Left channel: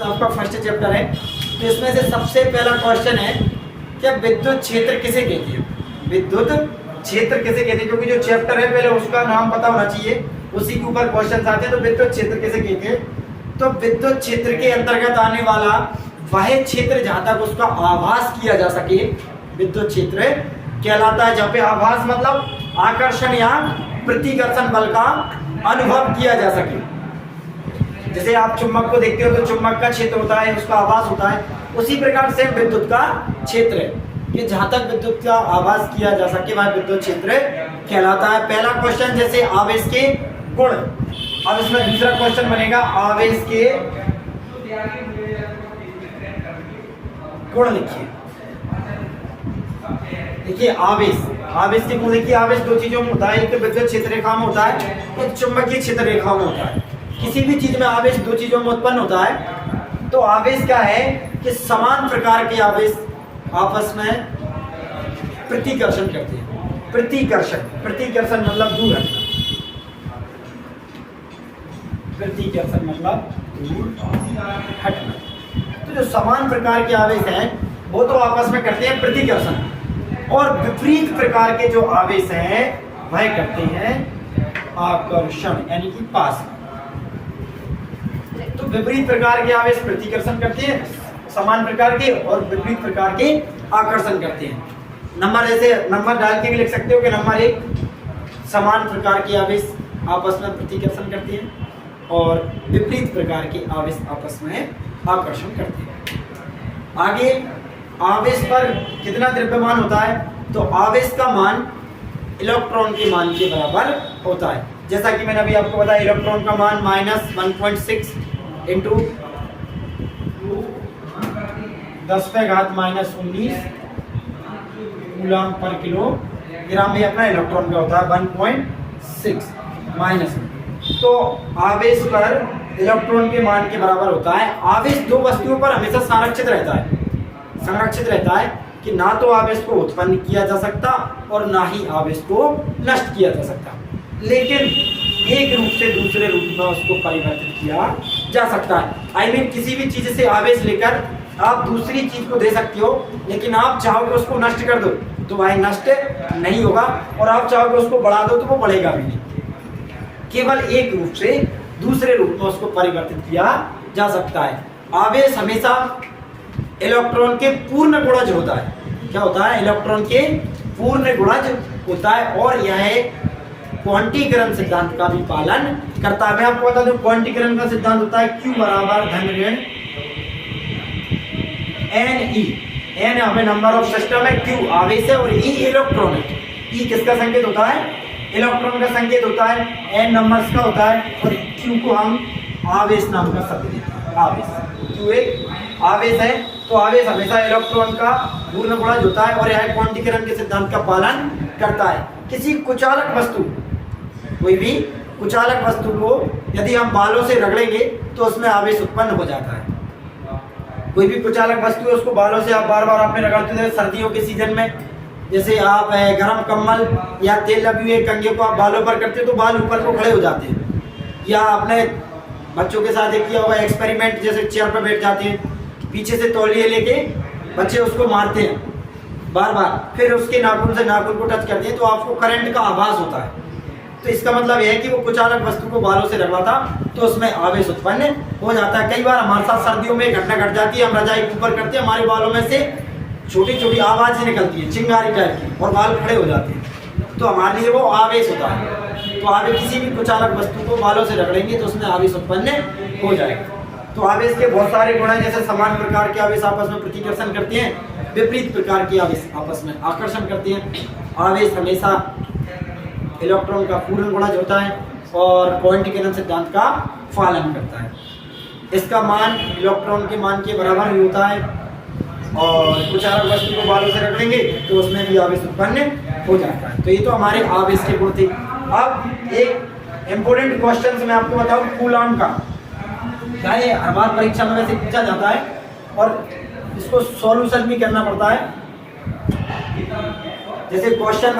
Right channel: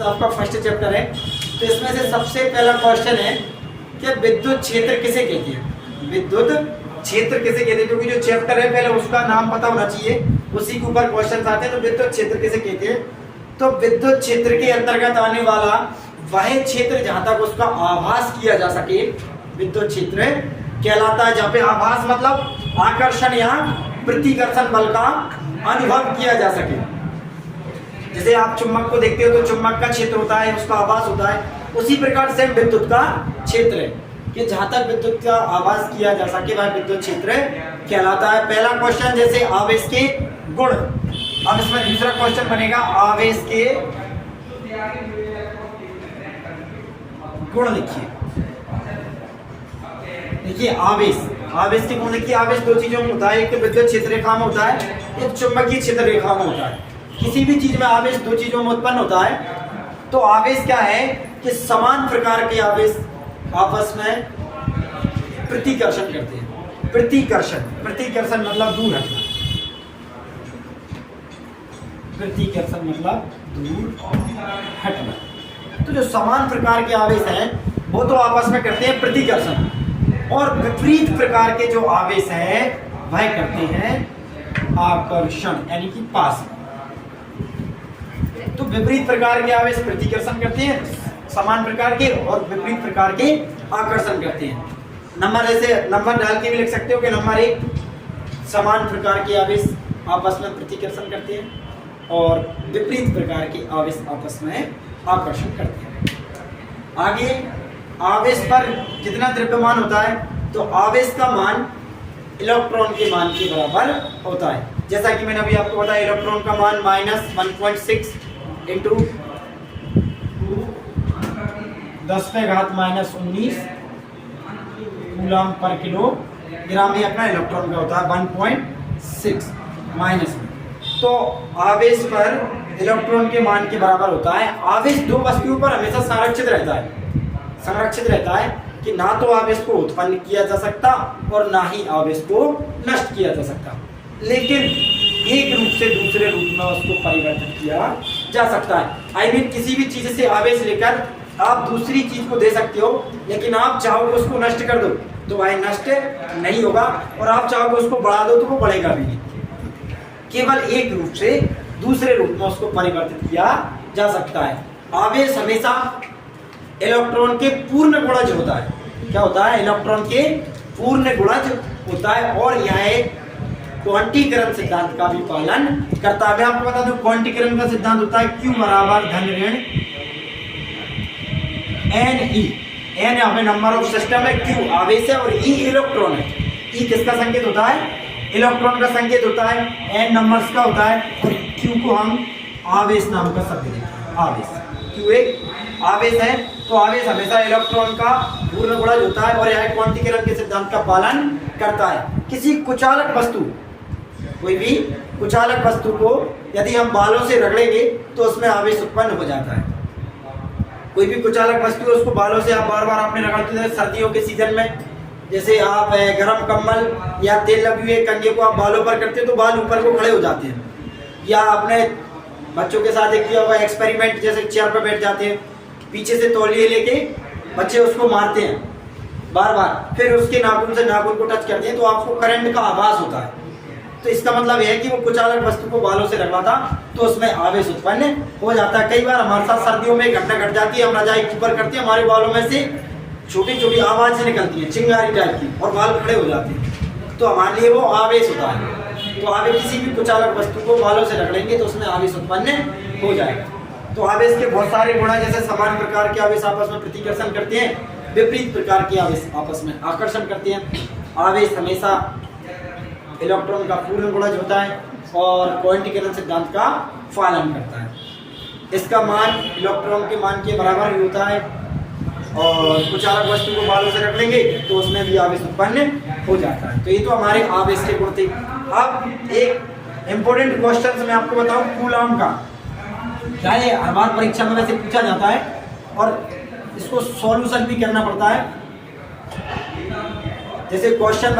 आपका first chapter है, तो इसमें से सबसे पहला क्वेश्चन है कि विद्युत क्षेत्र किसे कहते हैं। विद्युत क्षेत्र किसे कहते हैं, क्योंकि जो चैप्टर है पहले उसका नाम पता होना चाहिए, उसी के ऊपर क्वेश्चन आते हैं। तो विद्युत क्षेत्र किसे कहते हैं, तो विद्युत क्षेत्र के अंतर्गत आने वाला वह क्षेत्र जहां तक उसका आभास किया जा सके विद्युत क्षेत्र कहलाता है। जहाँ पे आभास मतलब आकर्षण या प्रतिकर्षण बल का अनुभव किया जा सके। जैसे आप चुंबक को देखते हो तो चुंबक का क्षेत्र होता है, उसका आभास होता है, उसी प्रकार से विद्युत का क्षेत्र है कि जहां तक विद्युत का आभास किया जा सके वह विद्युत क्षेत्र कहलाता है। पहला क्वेश्चन जैसे आवेश के गुण, अब इसमें दूसरा क्वेश्चन बनेगा आवेश के गुण लिखिए। देखिए आवेश के गुण देखिए। आवेश दो चीजों में होता है, एक तो विद्युत क्षेत्र रेखा में होता है, एक चुंबकीय क्षेत्र रेखा में होता है। किसी भी चीज में आवेश दो चीजों में उत्पन्न होता है। तो आवेश क्या है कि समान प्रकार के आवेश आपस में प्रतिकर्षण करते हैं। प्रतिकर्षण मतलब दूर हटना, प्रतिकर्षण मतलब दूर हटना। तो जो समान प्रकार के आवेश हैं वो तो आपस में करते हैं प्रतिकर्षण, और विपरीत प्रकार के जो आवेश हैं वह करते हैं आकर्षण, यानी कि पास। तो विपरीत प्रकार के आवेश प्रतिकर्षण करते हैं समान प्रकार के, और विपरीत प्रकार के आकर्षण करते हैं। नंबर ऐसे नंबर डाल के भी लिख सकते हो कि नंबर 1 समान प्रकार के आवेश आपस में प्रतिकर्षण करते हैं, और विपरीत प्रकार के आवेश आपस में आकर्षण करते हैं। आगे आवेश पर कितना द्रव्यमान होता है, तो आवेश का मान इलेक्ट्रॉन के मान के बराबर होता है। जैसा कि मैंने अभी आपको बताया, इलेक्ट्रॉन का मान -1.6 इंटू 10⁻⁻19 कूलम पर किलोग्राम में अपना इलेक्ट्रॉन का होता है 1.6 माइनस। तो आवेश पर इलेक्ट्रॉन के मान के बराबर होता है। आवेश दो वस्तुओं पर हमेशा संरक्षित रहता है कि ना तो आवेश को उत्पन्न किया जा सकता और ना ही आवेश को नष्ट किया जा सकता, लेकिन एक रूप से दूसरे रूप में उसको परिवर्तित किया जा सकता है। आई मीन किसी भी चीज से आवेश लेकर आप दूसरी चीज को दे सकते हो, लेकिन आप चाहोगे उसको नष्ट कर दो तो वह नष्ट नहीं होगा, और आप चाहोगे उसको बढ़ा दो तो वो बढ़ेगा भी नहीं। केवल एक रूप से दूसरे रूप में उसको परिवर्तित किया जा सकता है। आवेश हमेशा इलेक्ट्रॉन के पूर्ण गुणज होता है। क्या होता है, इलेक्ट्रॉन के पूर्ण गुणज होता है, और यह क्वांटीकरण सिद्धांत का भी पालन करता है। मैं आपको बता दूं क्वांटीकरण का सिद्धांत होता है Q बराबर धन ऋण Ne। N हमें नंबर ऑफ सिस्टम है, Q आवेश है, और E इलेक्ट्रॉन है। E किसका संकेत होता है, इलेक्ट्रॉन का संकेत होता है। N नंबर्स का होता है, और Q को हम आवेश नाम का शब्द देते हैं। आवेश Q एक आवेश है, तो आवेश हमेशा इलेक्ट्रॉन का पूर्ण गुणज होता है, और यह क्वांटीकरण के सिद्धांत का पालन करता है। किसी कुचालक वस्तु, कोई भी कुचालक वस्तु को यदि हम बालों से रगड़ेंगे तो उसमें आवेश उत्पन्न हो जाता है। कोई भी कुचालक वस्तु है उसको बालों से आप बार बार आपने रगड़ते हैं। सर्दियों के सीजन में जैसे आप गर्म कम्बल या तेल लगे हुए कंघे को आप बालों पर करते हैं तो बाल ऊपर को खड़े हो जाते हैं। या आपने बच्चों के साथ एक किया होगा एक्सपेरिमेंट, जैसे चेयर पर बैठ जाते हैं, पीछे से तौलिए लेके बच्चे उसको मारते हैं बार बार, फिर उसके नाखून से नाखून को टच करते हैं तो आपको करंट का आभास होता है। तो इसका मतलब यह है कि वो कुचालक वस्तु को बालों से रगड़ा तो उसमें आवेश उत्पन्न हो जाता है। कई बार हमारे साथ सर्दियों में घटना घट जाती है, हम रजाई ऊपर करते हैं, हमारे बालों में से छोटी छोटी आवाजें निकलती है चिंगारी टाइप की, और बाल खड़े हो जाते हैं, तो हमारे लिए वो आवेश होता है। तो आवेश किसी भी कुचालक वस्तु को बालों से रगड़ेंगे तो उसमें आवेश उत्पन्न हो जाएगा। तो आवेश के बहुत सारे गुण हैं, जैसे समान प्रकार के आवेश आपस में प्रतिकर्षण करते हैं, विपरीत प्रकार के आवेश आपस में आकर्षण करते हैं। आवेश हमेशा इलेक्ट्रॉन का पूर्ण गुणज होता है, और क्वांटीकरण सिद्धांत का पालन करता है। इसका मान इलेक्ट्रॉन के मान के बराबर भी होता है, और कुचालक वस्तु को बालों से रगड़ेंगे तो उसमें भी आवेश उत्पन्न हो जाता है। तो ये तो हमारे आवेश के गुण थे। अब एक इम्पोर्टेंट क्वेश्चन मैं आपको बताऊं कूलम का। क्या ये हर बार परीक्षा में वैसे पूछा जाता है, और इसको सॉल्यूशन भी करना पड़ता है। जैसे क्वेश्चन